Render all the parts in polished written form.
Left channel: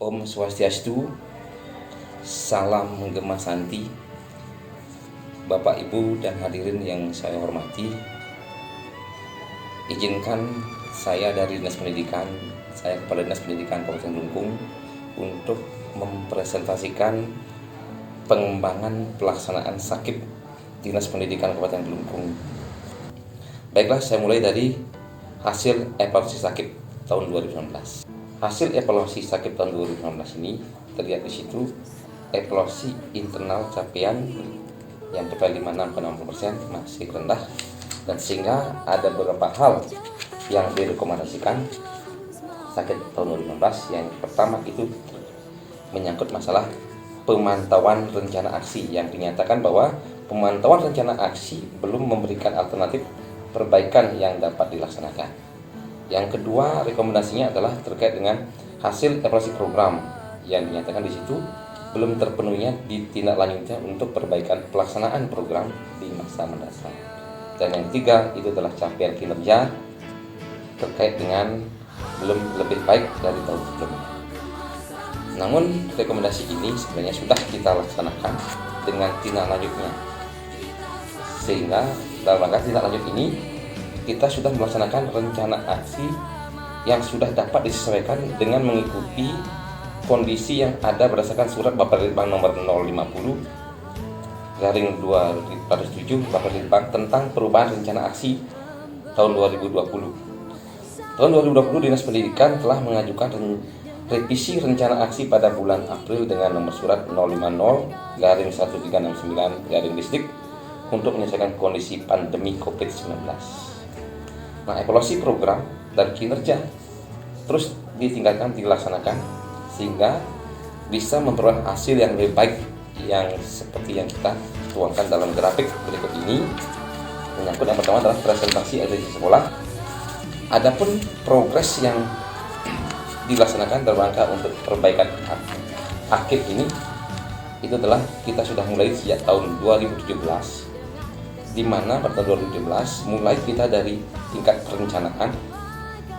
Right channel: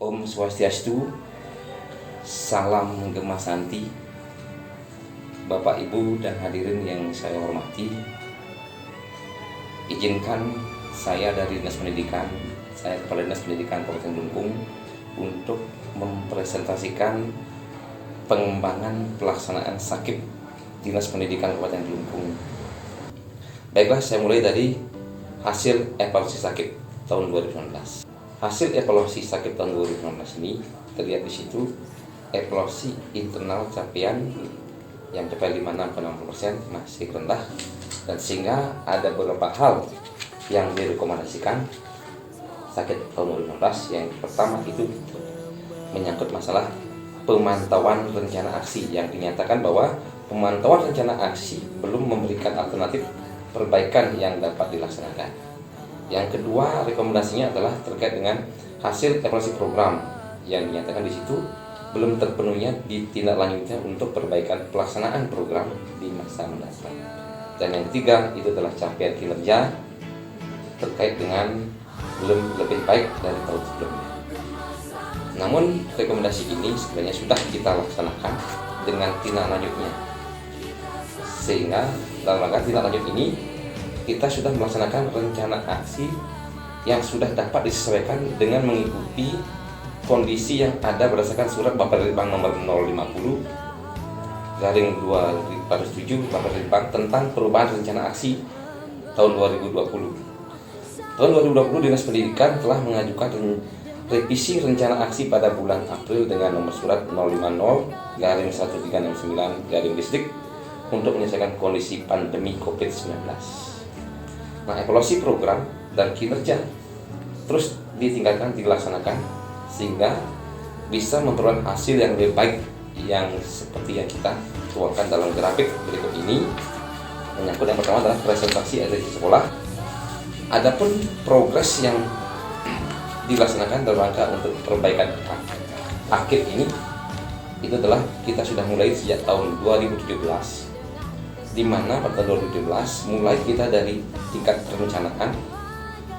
Om Swastiastu, salam Gema Santi, Bapak Ibu dan hadirin yang saya hormati. Izinkan saya dari Dinas Pendidikan, saya Kepala Dinas Pendidikan Kabupaten Kelungkung untuk mempresentasikan pengembangan pelaksanaan sakit Dinas Pendidikan Kabupaten Kelungkung. Baiklah, saya mulai dari hasil evaluasi sakit tahun 2019. Hasil evaluasi sakit tahun 2019 ini terlihat di situ evaluasi internal capaian yang mencapai 56,60% masih rendah, dan sehingga ada beberapa hal yang direkomendasikan sakit tahun 2019. Yang pertama itu menyangkut masalah pemantauan rencana aksi, yang dinyatakan bahwa pemantauan rencana aksi belum memberikan alternatif perbaikan yang dapat dilaksanakan. Yang kedua, rekomendasinya adalah terkait dengan hasil evaluasi program, yang dinyatakan di situ belum terpenuhnya ditindaklanjutnya untuk perbaikan pelaksanaan program di masa mendatang. Dan yang ketiga itu adalah capaian kinerja terkait dengan belum lebih baik dari tahun sebelumnya. Namun rekomendasi ini sebenarnya sudah kita laksanakan dengan tindaklanjutnya, sehingga dalam rangka tindaklanjut ini kita sudah melaksanakan rencana aksi yang sudah dapat disesuaikan dengan mengikuti kondisi yang ada berdasarkan surat Bapperbang nomor 050/2007 tentang perubahan rencana aksi tahun 2020. Tahun 2020 Dinas Pendidikan telah mengajukan revisi rencana aksi pada bulan April dengan nomor surat 050/1369/Distrik untuk menyelesaikan kondisi pandemi COVID-19. Nah, evaluasi program dan kinerja terus ditingkatkan, dilaksanakan, sehingga bisa memperoleh hasil yang lebih baik, yang seperti yang kita tuangkan dalam grafik berikut ini. Menyangkut yang pertama adalah presentasi ada di sekolah. Adapun progres yang dilaksanakan dalam rangka untuk perbaikan akhir ini, itu adalah kita sudah mulai sejak tahun 2017, di mana pada 2017 mulai kita dari tingkat perencanaan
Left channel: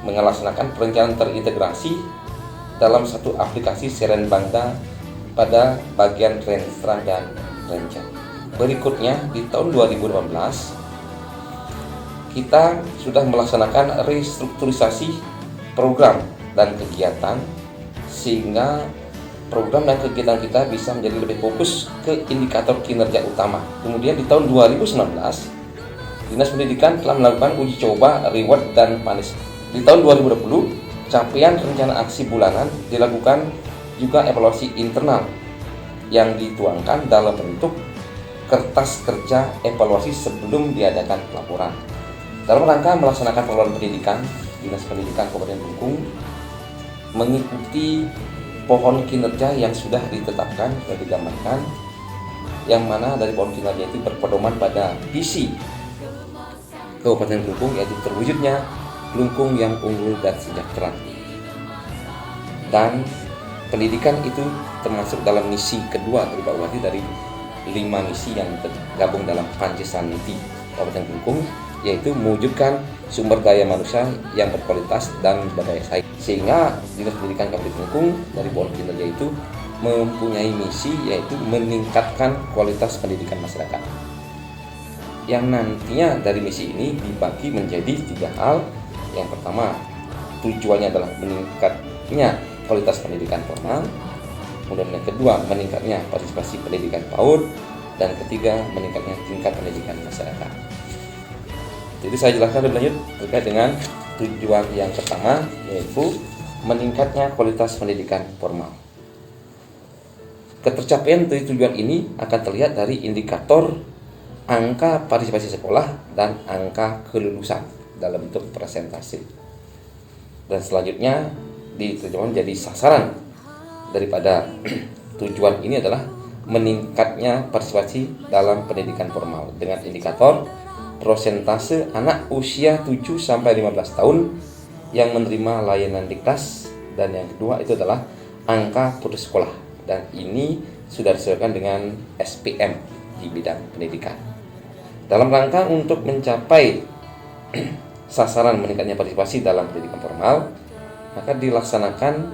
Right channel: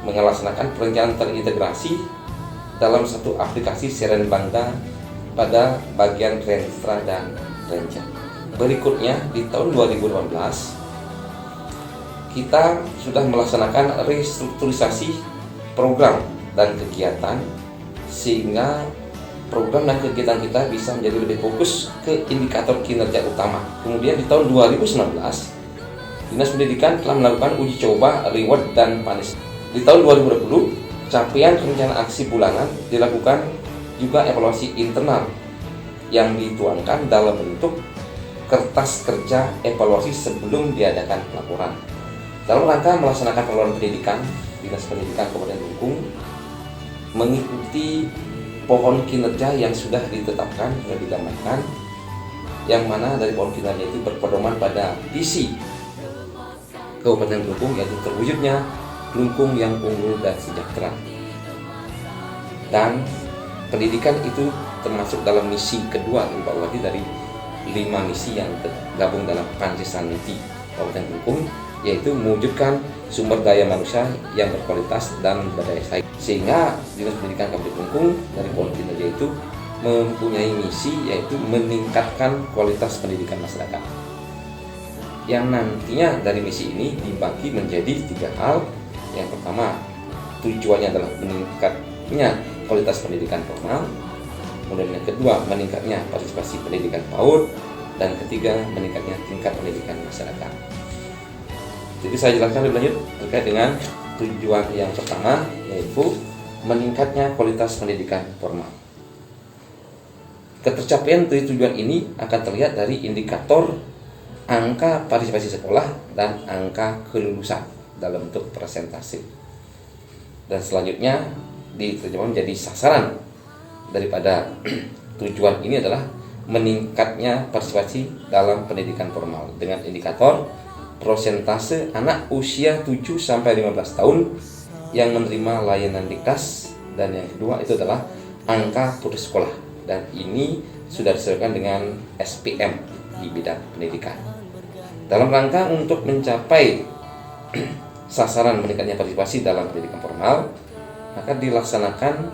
melaksanakan perencanaan terintegrasi dalam satu aplikasi Seren Bangda pada bagian Renstra dan Renca. Berikutnya di tahun 2018 kita sudah melaksanakan restrukturisasi program dan kegiatan, sehingga program dan kegiatan kita bisa menjadi lebih fokus ke indikator kinerja utama. Kemudian di tahun 2019 Dinas Pendidikan telah melakukan uji coba reward dan punishment. Di tahun 2020 capaian rencana aksi bulanan dilakukan juga evaluasi internal yang dituangkan dalam bentuk kertas kerja evaluasi sebelum diadakan laporan. Dalam rangka melaksanakan pengelolaan pendidikan, Dinas Pendidikan Kabupaten Kelungkung mengikuti pohon kinerja yang sudah ditetapkan dan digambarkan, yang mana dari pohon kinerja itu berpedoman pada visi Kabupaten Kelungkung, yaitu terwujudnya Kelungkung yang unggul dan sejahtera. Dan pendidikan itu termasuk dalam misi kedua dari 5 misi yang tergabung dalam Pancasila Kabupaten Kelungkung, yaitu mewujudkan sumber daya manusia yang berkualitas dan berdaya saing. Sehingga Dinas Pendidikan Kabupaten Kelungkung dari pohon kinerja itu mempunyai misi, yaitu meningkatkan kualitas pendidikan masyarakat, yang nantinya dari misi ini dibagi menjadi 3 hal. Yang pertama, tujuannya adalah meningkatnya kualitas pendidikan formal. Kemudian yang kedua, meningkatnya partisipasi pendidikan PAUD, dan ketiga, meningkatnya tingkat pendidikan masyarakat. Jadi saya jelaskan lebih lanjut terkait dengan tujuan yang pertama, yaitu meningkatnya kualitas pendidikan formal. Ketercapaian dari tujuan ini akan terlihat dari indikator angka partisipasi sekolah dan angka kelulusan dalam bentuk presentasi. Dan selanjutnya diterjemahkan menjadi sasaran daripada tujuan ini adalah meningkatnya partisipasi dalam pendidikan formal dengan indikator prosentase anak usia 7-15 tahun yang menerima layanan Diktas, dan yang kedua itu adalah angka putus sekolah, dan ini sudah disesuaikan dengan SPM di bidang pendidikan. Dalam rangka untuk mencapai sasaran meningkatnya partisipasi dalam pendidikan formal, maka dilaksanakan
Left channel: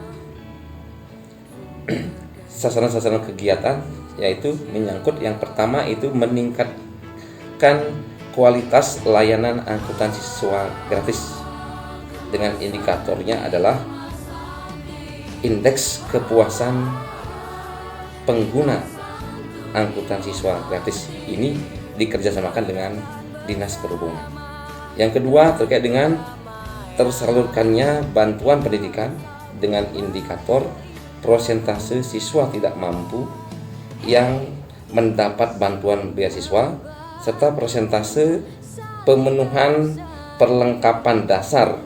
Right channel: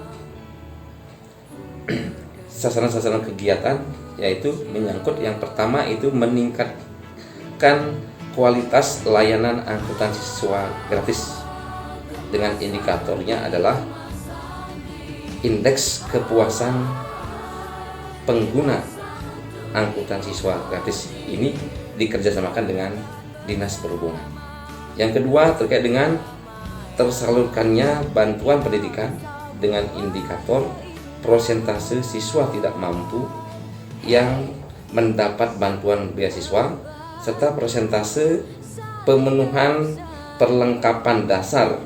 sasaran-sasaran kegiatan, yaitu menyangkut yang pertama itu meningkatkan kualitas layanan angkutan siswa gratis dengan indikatornya adalah indeks kepuasan pengguna angkutan siswa gratis. Ini dikerjasamakan dengan Dinas Perhubungan. Yang kedua terkait dengan tersalurkannya bantuan pendidikan dengan indikator prosentase siswa tidak mampu yang mendapat bantuan beasiswa serta persentase pemenuhan perlengkapan dasar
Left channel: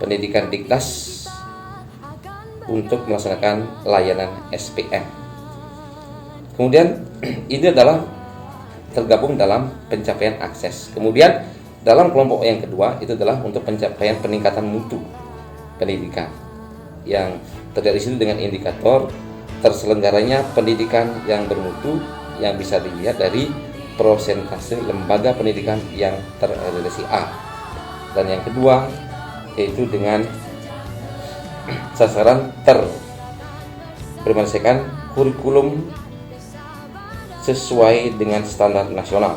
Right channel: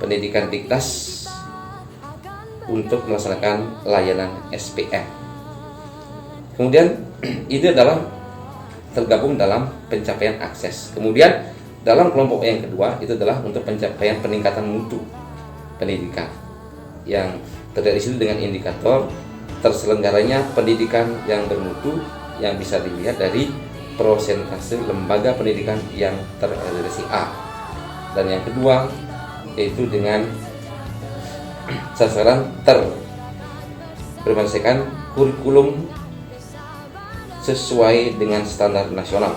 pendidikan Dikdas untuk melaksanakan layanan SPM. Kemudian ini adalah tergabung dalam pencapaian akses. Kemudian dalam kelompok yang kedua itu adalah untuk pencapaian peningkatan mutu pendidikan yang terlihat di sini dengan indikator terselenggaranya pendidikan yang bermutu yang bisa dilihat dari prosentase lembaga pendidikan yang terakreditasi A. Dan yang kedua yaitu dengan sasaran berdasarkan kurikulum sesuai dengan standar nasional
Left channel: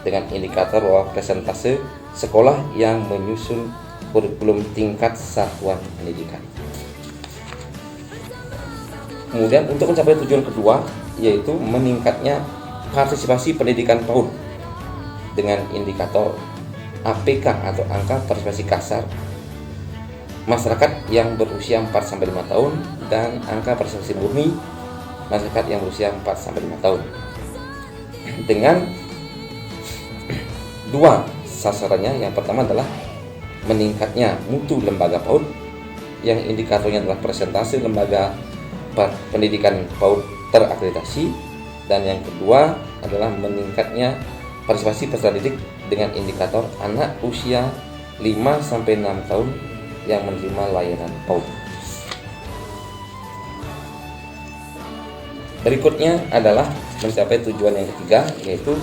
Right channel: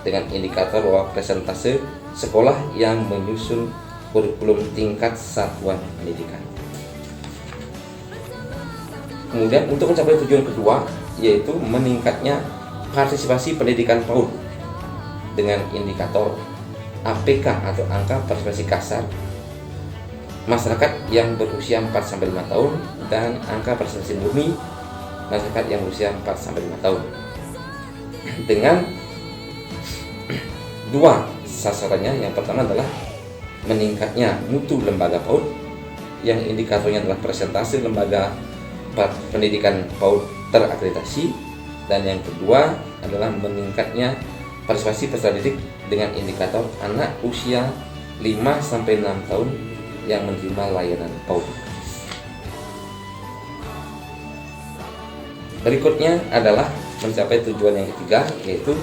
dengan indikator bahwa presentase sekolah yang menyusun kurikulum tingkat satuan pendidikan. Kemudian untuk mencapai tujuan kedua yaitu meningkatnya partisipasi pendidikan PAUD dengan indikator APK atau angka partisipasi kasar masyarakat yang berusia 4-5 tahun dan angka partisipasi murni masyarakat yang berusia 4-5 tahun. Dengan dua sasarannya, yang pertama adalah meningkatnya mutu lembaga PAUD yang indikatornya adalah persentase lembaga pendidikan PAUD terakreditasi, dan yang kedua adalah meningkatnya partisipasi peserta didik dengan indikator anak usia 5-6 tahun yang menerima layanan PAUD. Berikutnya adalah mencapai tujuan yang ketiga yaitu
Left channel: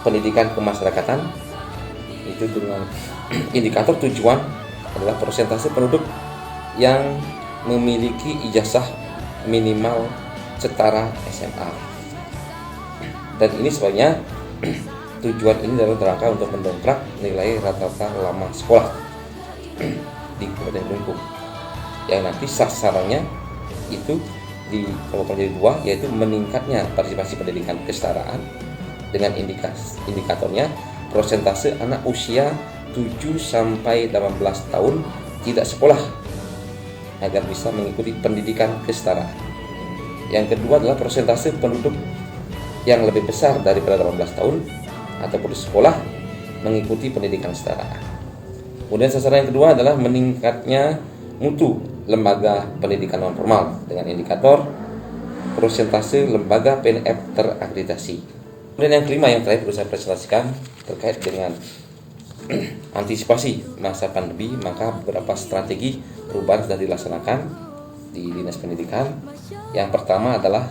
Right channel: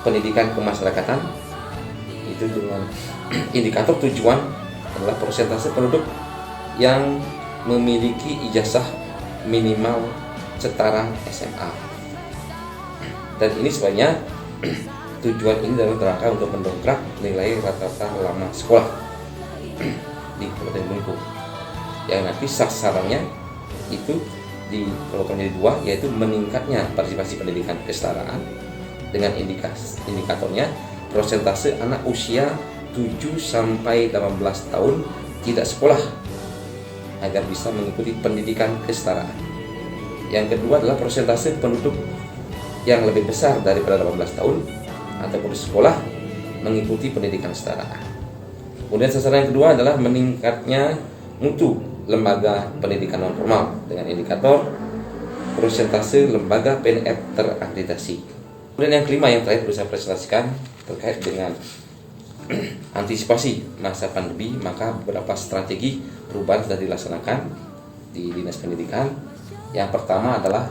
pendidikan kemasyarakatan, itu dengan indikator tujuan adalah persentase penduduk yang memiliki ijazah minimal setara SMA. Dan ini sebenarnya tujuan ini dalam rangka untuk mendongkrak nilai rata-rata lama sekolah di Kabupaten Belitung, yang nanti sasarannya itu di kelompok menjadi dua, yaitu meningkatnya partisipasi pendidikan kesetaraan dengan indikatornya persentase anak usia 7-18 tahun tidak sekolah agar bisa mengikuti pendidikan kesetaraan. Yang kedua adalah persentase penduduk yang lebih besar daripada 18 tahun atau putus sekolah mengikuti pendidikan kesetaraan. Kemudian sasaran yang kedua adalah meningkatnya mutu lembaga pendidikan non formal dengan indikator persentase lembaga PNF terakreditasi. Kemudian yang kelima yang terakhir perlu saya presentasikan terkait dengan antisipasi masa pandemi, maka beberapa strategi perubahan sudah dilaksanakan di Dinas Pendidikan. Yang pertama adalah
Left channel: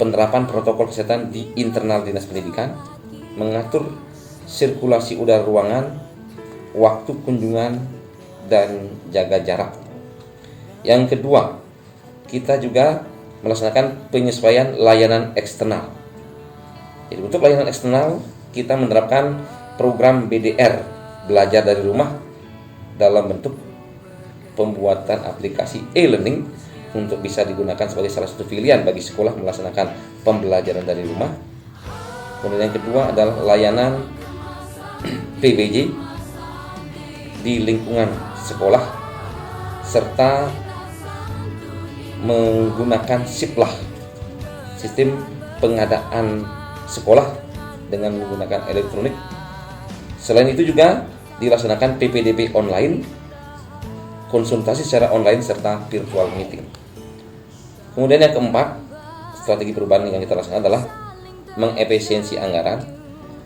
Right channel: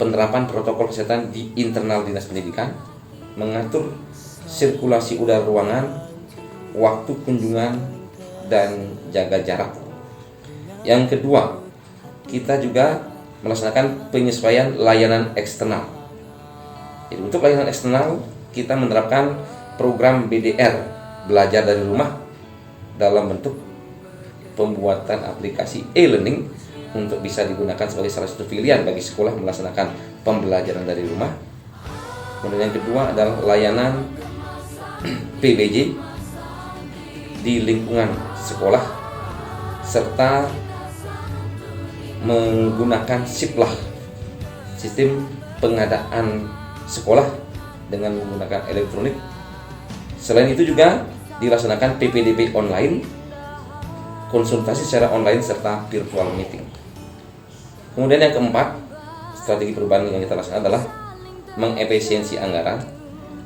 penerapan protokol kesehatan di internal Dinas Pendidikan, mengatur sirkulasi udara ruangan, waktu kunjungan, dan jaga jarak. Yang kedua, kita juga melaksanakan penyesuaian layanan eksternal. Jadi untuk layanan eksternal kita menerapkan program BDR, belajar dari rumah, dalam bentuk pembuatan aplikasi e-learning untuk bisa digunakan sebagai salah satu pilihan bagi sekolah melaksanakan pembelajaran dari rumah. Kemudian yang kedua adalah layanan PBJ di lingkungan sekolah serta menggunakan SIPLAH, sistem pengadaan sekolah dengan menggunakan elektronik. Selain itu juga dilaksanakan PPDB online, konsultasi secara online serta virtual meeting. Kemudian yang keempat, strategi perubahan yang kita laksanakan adalah mengefisiensi anggaran,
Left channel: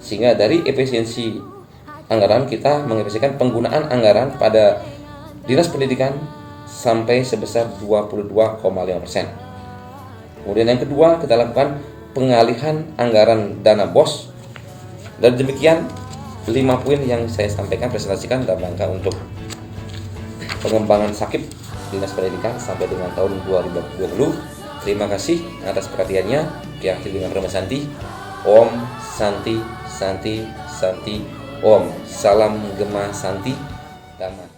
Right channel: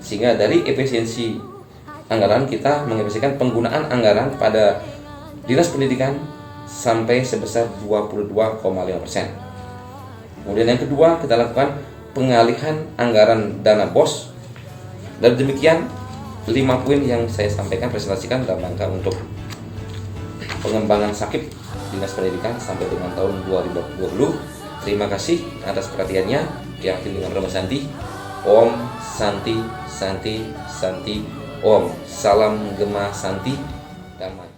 sehingga dari efisiensi anggaran kita mengefisiensikan penggunaan anggaran pada Dinas Pendidikan sampai sebesar 22,5%. Kemudian yang kedua kita lakukan pengalihan anggaran dana BOS. Dan demikian 5 poin yang saya sampaikan presentasikan dalam rangka untuk pengembangan SAKIP Dinas Pendidikan sampai dengan tahun 2020. Terima kasih atas perhatiannya. Pihak Bimbingan Rumah Santi. Om Santi Santi Santi Om. Salam Gema Santi. Damai.